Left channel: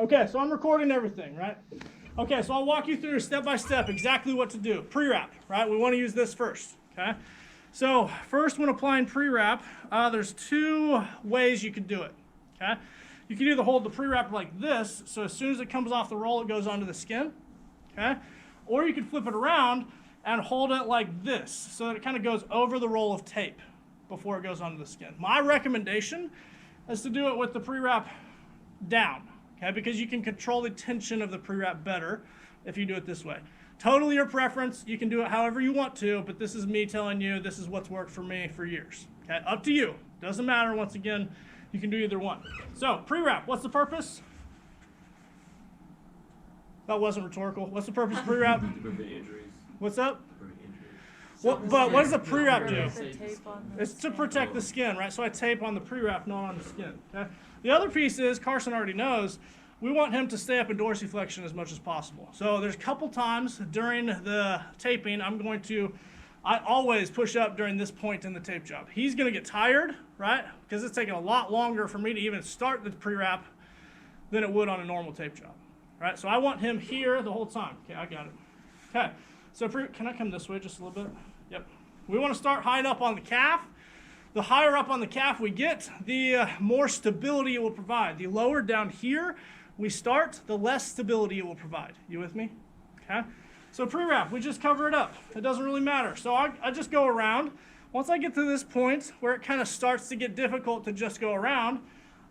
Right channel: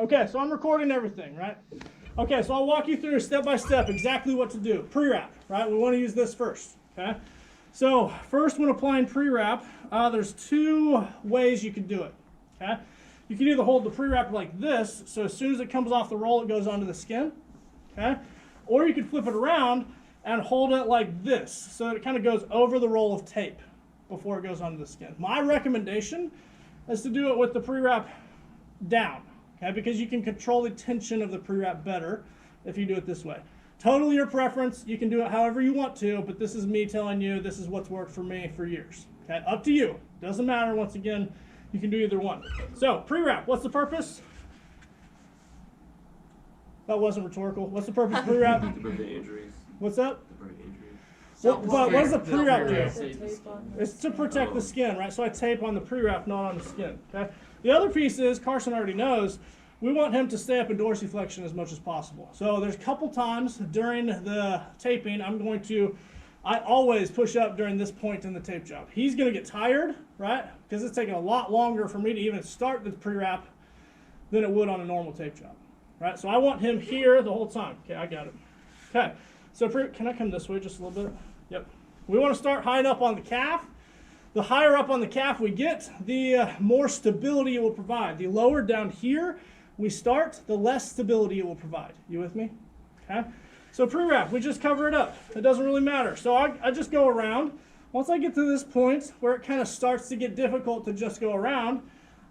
Okay, so I'm recording everything, right? Okay, so I'll walk you through step by step exactly what to do. Pre-wrap, right? We want to use this first, okay? So first, when applying pre-wrap, there's two ways you could do it, okay? You can either hold the pre-wrap like this, so as soon as it comes off the roll, it goes onto the skin, okay? Or you can flip it around and hold it like this, so that it kind of goes over the roll of tape before it goes onto the skin. My recommendation is to do it with the pre-wrap down, okay? Because you can control the tension of the pre-wrap better if you do it this way. Totally your preference. You can do it however you want to, but this is me telling you this is what's worked for me for years, okay? Up to you. Doesn't matter. Once again, you can do either one. So pre-wrap, what's the purpose? That wasn't rhetorical. What's the purpose of pre-wrap? To prevent injuries. What's up? To prevent injuries. But what does the pre-wrap do? The It's to protect the skin, right? So I tape on the pre-wrap, not on the skin, okay? The other piece is, Carson already knows, we want him to stay up in dorsiflexion as much as possible. So there's a couple times during the taping, I always push up during this point in the tape job. He's gonna get tired, right? Because it's taking a lot longer for me to even start the pre-wrap than it would on a normal tape job, right? So I want him here the whole time. Okay, I got it. Okay, so can I come this way just a little bit? Yep. We want to start high up on the calf. The higher up on the calf we get, the more stability it will provide. The lower down here we start, the less stability it will provide. You with me? Okay. So pre-wrap, we just cover it up. It doesn't really matter. So I just go around. Once I get to this point where it kind of starts to get difficult to just go around,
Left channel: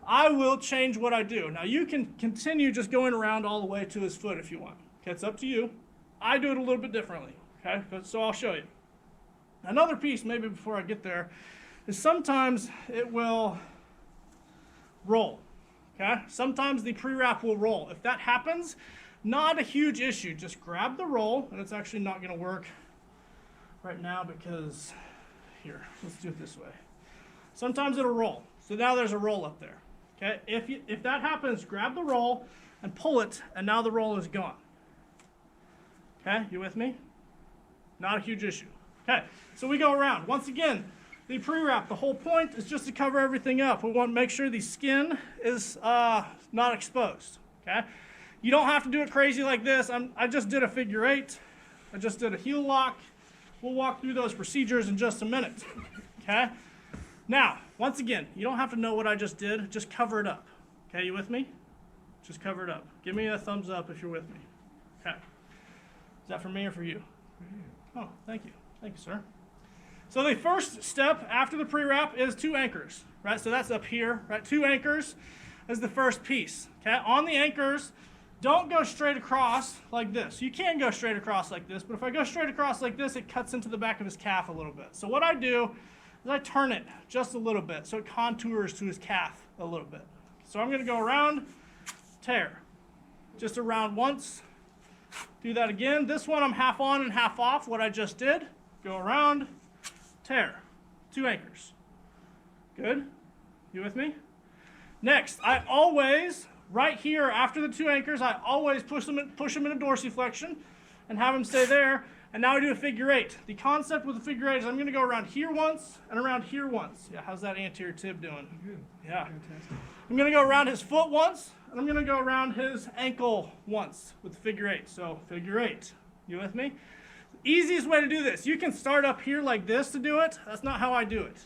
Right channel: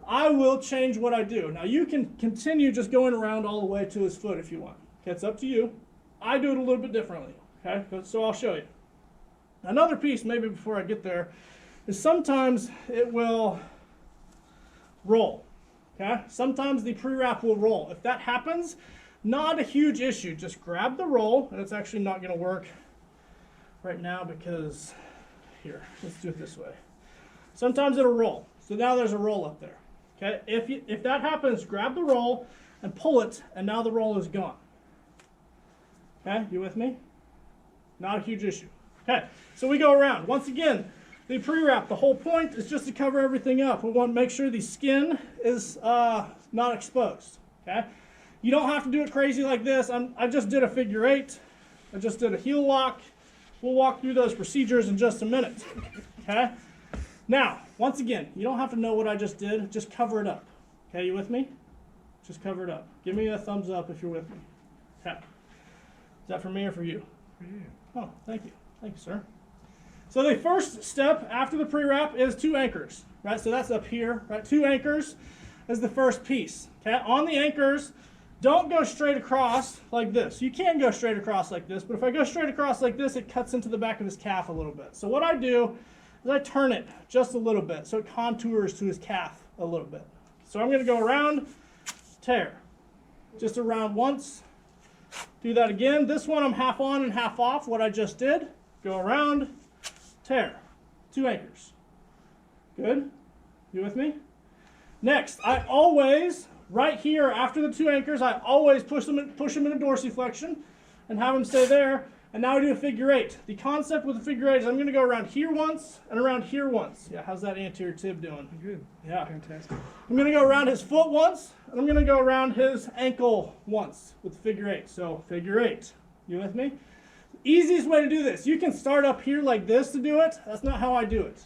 I will change what I do. Now you can continue just going around all the way to his foot if you want. Okay, it's up to you. I do it a little bit differently. Okay, so I'll show you. Another piece, maybe before I get there, is sometimes it will roll. Okay, sometimes the pre-wrap will roll. If that happens, not a huge issue. Just grab the roll, and it's actually not going to work right now because, here, let's do it this way. Sometimes it'll roll. So now there's a roll up there. Okay, if that happens, grab the roll and pull it, and now the roll is gone. Okay, you with me? Not a huge issue. Okay, so we go around. Once again, the pre-wrap, the whole point is just to cover everything up. We want to make sure the skin is not exposed. Okay, you don't have to do it crazy like this. I just did a figure 8. I just did a heel lock. We'll walk through those procedures in just a minute. Okay, now, once again, you don't have to know what I just did. Just cover it up. Okay, you with me? Just cover it up. Give me a thumbs up if you're with me. Okay. Is that for me or for you? For you. Oh, thank you. Thank you, sir. So the first step after the pre-wrap is 2 anchors, right? So that's up here, right? 2 anchors is the first piece, okay? On the anchors, don't go straight across like this. You can go straight across like this, but if I go straight across like this, it cuts into the back of his calf a little bit. So what I do is I turn it just a little bit so it contours to his calf a little bit. So I'm gonna go around, tear. Just around once. Do that again. This one I'm half on and half off, what I just did. Go around, tear. 2 anchors. Good? You with me? Next, I always, right here after the 2 anchors, I always push them into dorsiflexion and have them stay there. And now I do a figure 8. The concept with the figure 8 is I'm going to go around here once and around here once. Yeah, how's that anterior tib doing? Good. Yeah. Fantastic. I'm going to go around his foot once, and I'm going to go around his ankle once with the figure 8. So figure 8. You with me? Easiest way to do this. You can start up here like this to do it. That's not how I do it.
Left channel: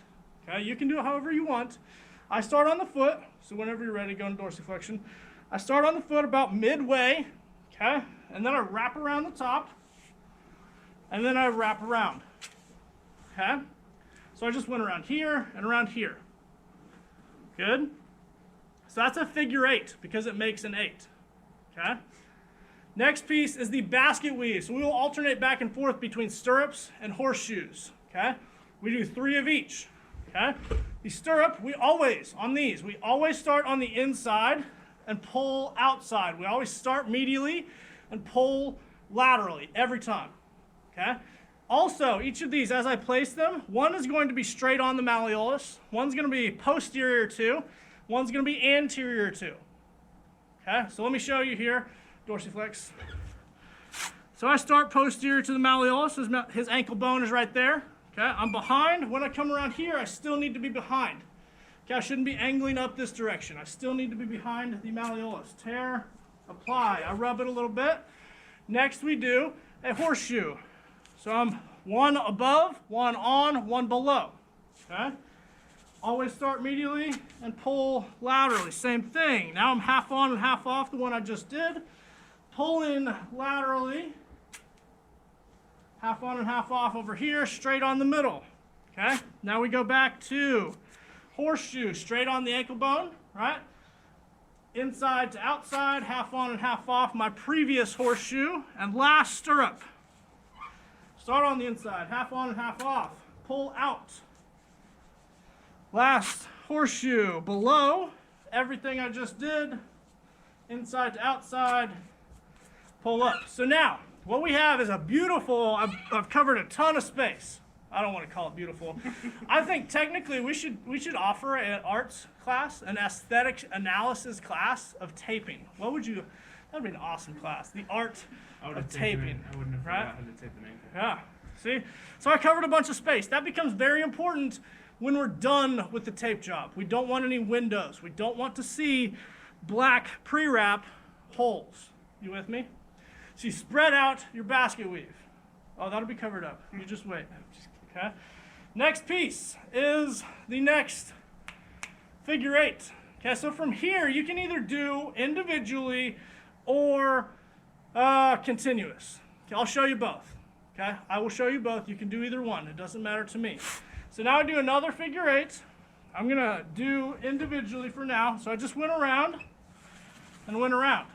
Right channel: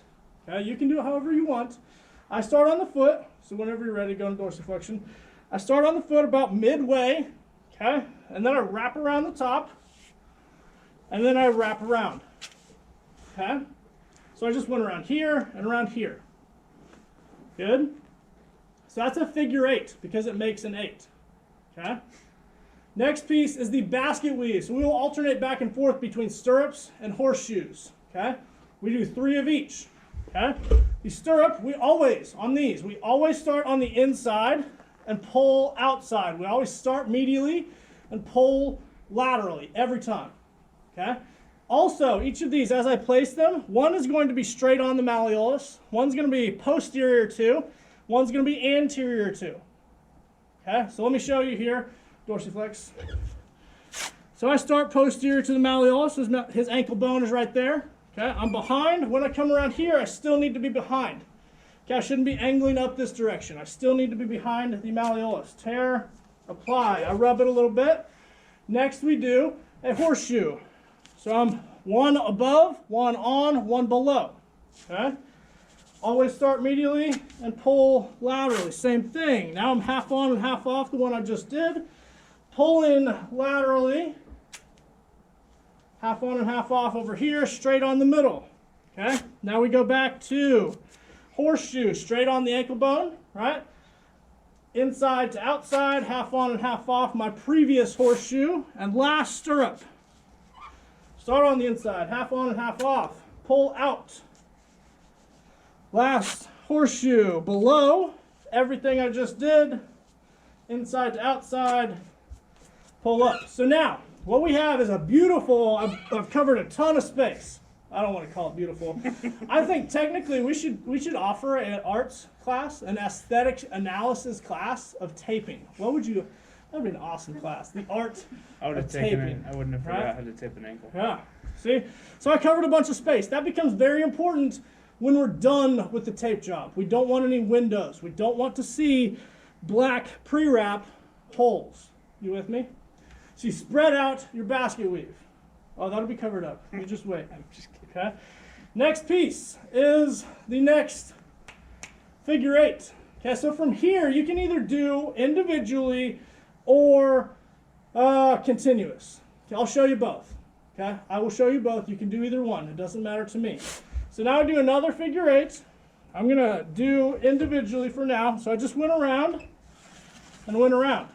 Okay, you can do it however you want. I start on the foot, so whenever you're ready, go into dorsiflexion. I start on the foot about midway, okay, and then I wrap around the top, and then I wrap around, okay? So I just went around here and around here. Good? So that's a figure 8 because it makes an 8, okay? Next piece is the basket weave. So we will alternate back and forth between stirrups and horseshoes, okay? We do 3 of each, okay? The stirrup, we always start on the inside and pull outside. We always start medially and pull laterally every time, okay? Also, each of these, as I place them, one is going to be straight on the malleolus, one's going to be posterior to, one's going to be anterior to, okay? So let me show you here, dorsiflex. So I start posterior to the malleolus, his ankle bone is right there, okay? I'm behind. When I come around here, I still need to be behind. Okay, I shouldn't be angling up this direction. I still need to be behind the malleolus. Tear, apply. I rub it a little bit. Next we do a horseshoe. So I'm one above, one on, one below. Okay? Always start medially and pull laterally. Same thing. Now I'm half on and half off, the one I just did. Pull in laterally. Half on and half off over here, straight on the middle. Okay? Now we go back to horseshoe, straight on the ankle bone, right? Inside to outside, half on and half off, my previous horseshoe, and last stirrup. Start on the inside, half on and half off, pull out. Last horseshoe, below, everything I just did, inside to outside, pull up. So now, what we have is a beautiful, I've covered a ton of space. I don't want to call it beautiful. I think technically we should offer an arts class, an aesthetic analysis class of taping. What would you, that would be an awesome class. The art of taping. I wouldn't have forgot how to tape an ankle. Yeah, see? So I covered a bunch of space. That becomes very important when we're done with the tape job. We don't want any windows. We don't want to see black pre-wrap holes. You with me? So you spread out your basket weave. Oh, that'll be covered up. You just wait. I'm just kidding. Okay. Next piece is the next figure eight. Okay, so from here you can either do individually or continuous. Okay, I'll show you both. Okay, I will show you both. You can do either one. It doesn't matter to me. So now I do another figure eight. I'm gonna do individually for now. So I just went around and went around.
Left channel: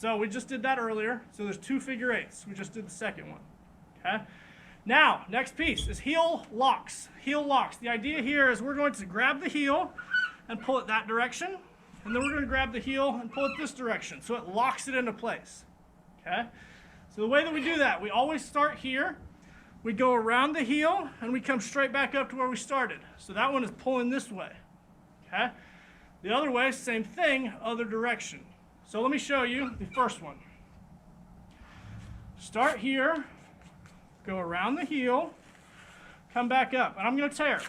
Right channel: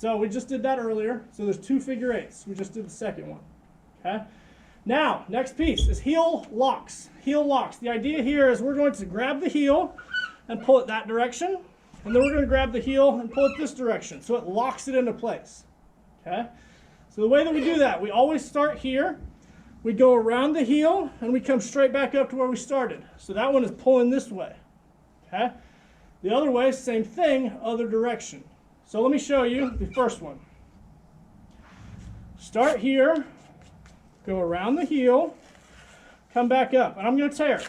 So we just did that earlier. So there's two figure eights. We just did the second one. Okay. Now, next piece is heel locks. Heel locks. The idea here is we're going to grab the heel and pull it that direction. And then we're going to grab the heel and pull it this direction. So it locks it into place. Okay. So the way that we do that, we always start here. We go around the heel and we come straight back up to where we started. So that one is pulling this way. Okay. The other way, same thing, other direction. So let me show you the first one. Start here. Go around the heel, come back up, and I'm going to tear.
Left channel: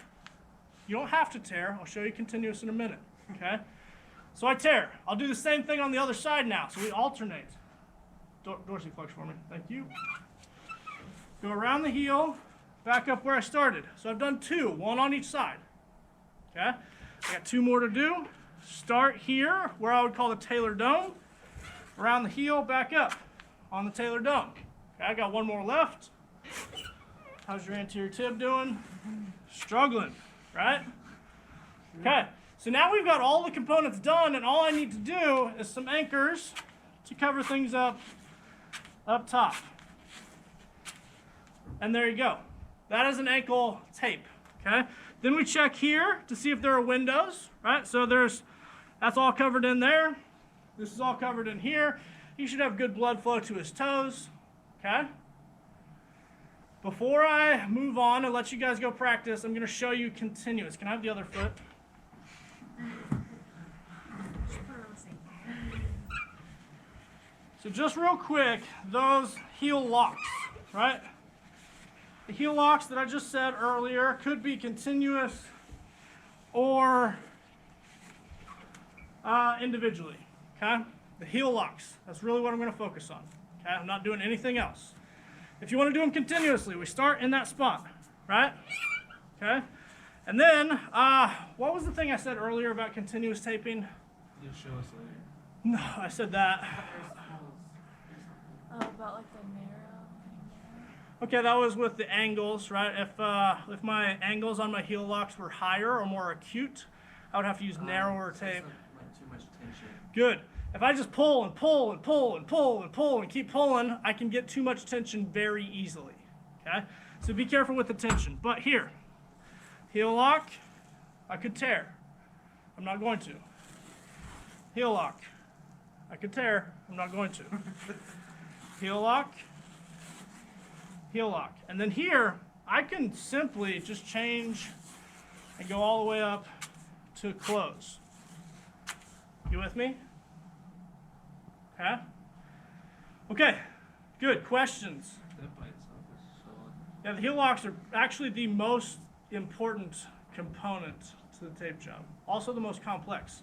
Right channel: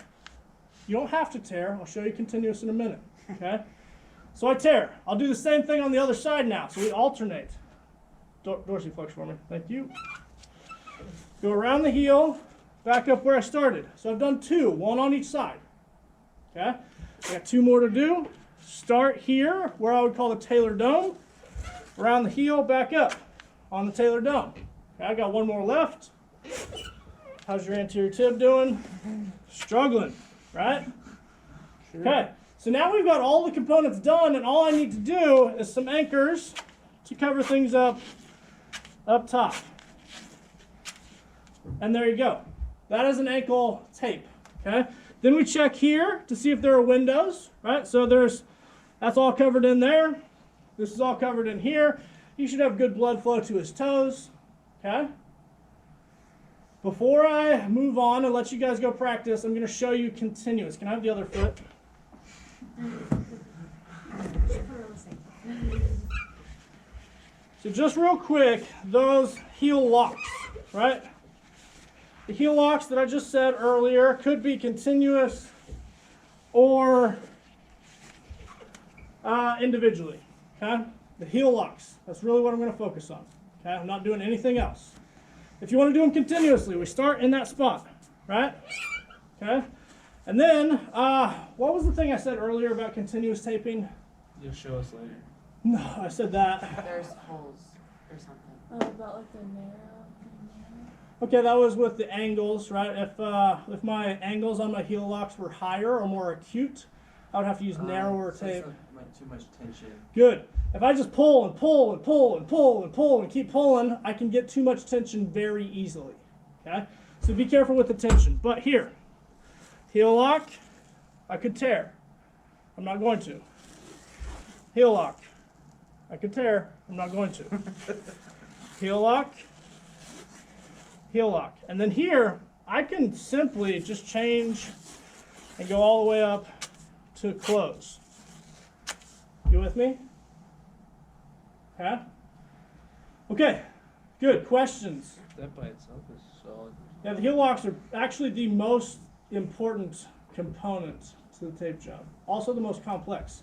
You don't have to tear. I'll show you continuous in a minute. Okay? So I tear. I'll do the same thing on the other side now. So we alternate. Dorsiflex for me. Thank you. Go around the heel, back up where I started. So I've done two, one on each side. Okay? I got two more to do. Start here, where I would call the tailor dome. Around the heel, back up on the tailor dome. Okay, I got one more left. How's your anterior tib doing? Struggling, right? Sure. Okay, so now we've got all the components done, and all I need to do is some anchors to cover things up top. And there you go. That is an ankle tape, okay? Then we check here to see if there are windows, right? So that's all covered in there. This is all covered in here. He should have good blood flow to his toes, okay? Before I move on and let you guys go practice, I'm going to show you continuous. Can I have the other foot? So just real quick, those heel locks, right? The heel locks that I just said earlier could be continuous or individually, okay? The heel locks, that's really what I'm going to focus on, okay? I'm not doing anything else. If you want to do them continuously, we start in that spot, right? Okay? And then, what was the thing I said earlier about continuous taping? You'll show us later. No, I said that. There's holes or something. Oh, about like the narrow. Okay, that was with the angles, right? If my angles on my heel locks were higher or more acute, I would have to use narrower tape. So like too much tension. Good. If I just pull and pull and pull and pull and pull and keep pulling, I can get too much tension very easily. Okay? So be careful with the tension. But here, heel lock, I could tear. I'm not going to. Heel lock, I could tear. I'm not going to. Heel lock, heel lock. And then here, I can simply just change and go all the way up to close. You with me? Okay? Okay, good. Questions? That by itself is solid. Yeah, the heel locks are actually the most important component to the tape job. also the most complex.